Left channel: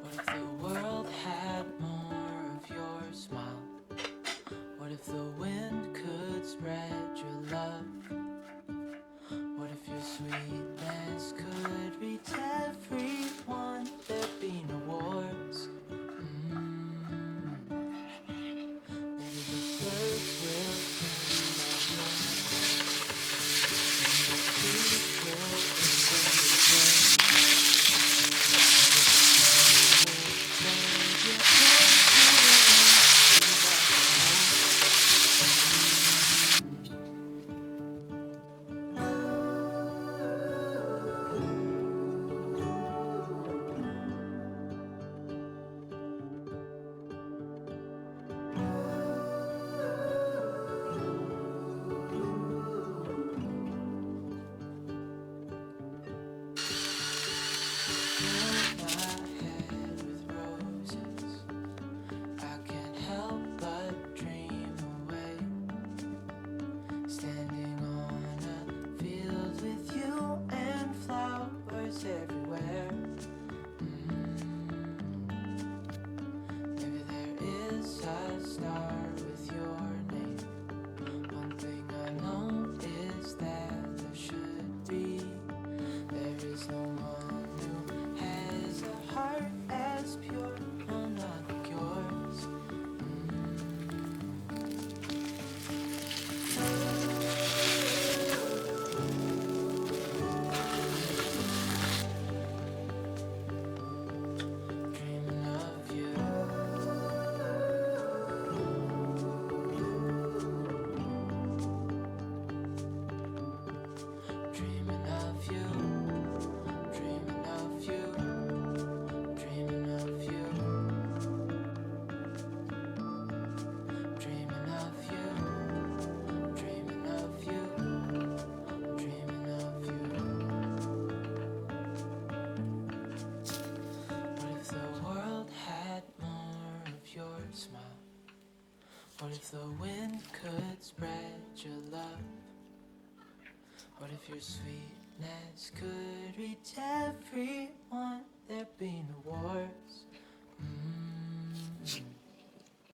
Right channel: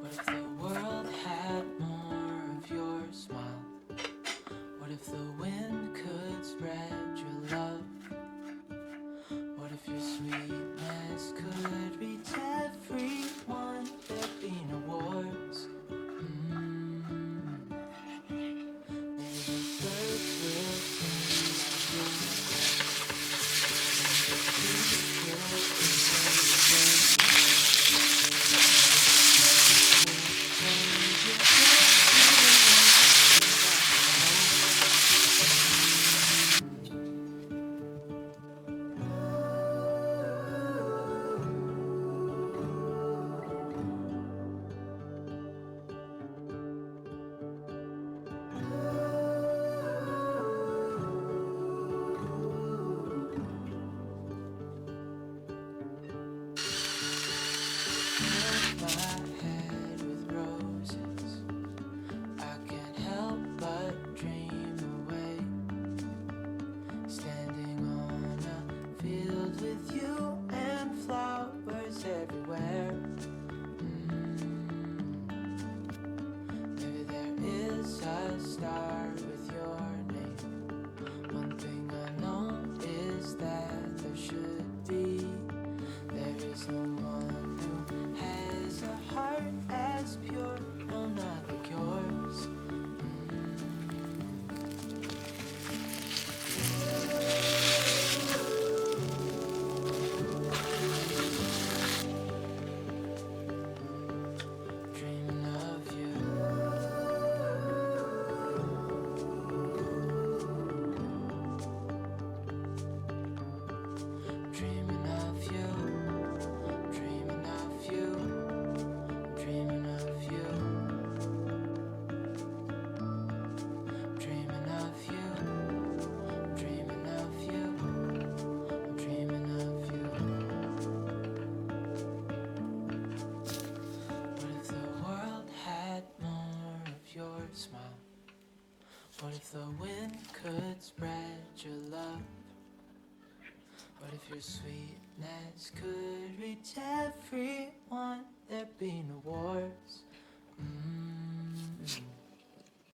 What if the world had more of your smile? What if the wind could spread your love? What if your sweetness could reach everyone? There'd be no wars. Maybe the birds will sing by your side, and the trees will celebrate. Fill my head with roses. I can't help but dream away. Standing on a field with you and flowers everywhere. Maybe there is a star with your name. One thing I know is that there should be. There is no one who has a heart as pure, no, not like yours. Dreaming of you. Dreaming of you. Dreaming of you. Dreaming of you. Dreaming of you. Dreaming of you. Dreaming of you. What if the world had more of your smile? What if the wind could spread your love? What if your sweetness could reach everyone? There'd be no wars.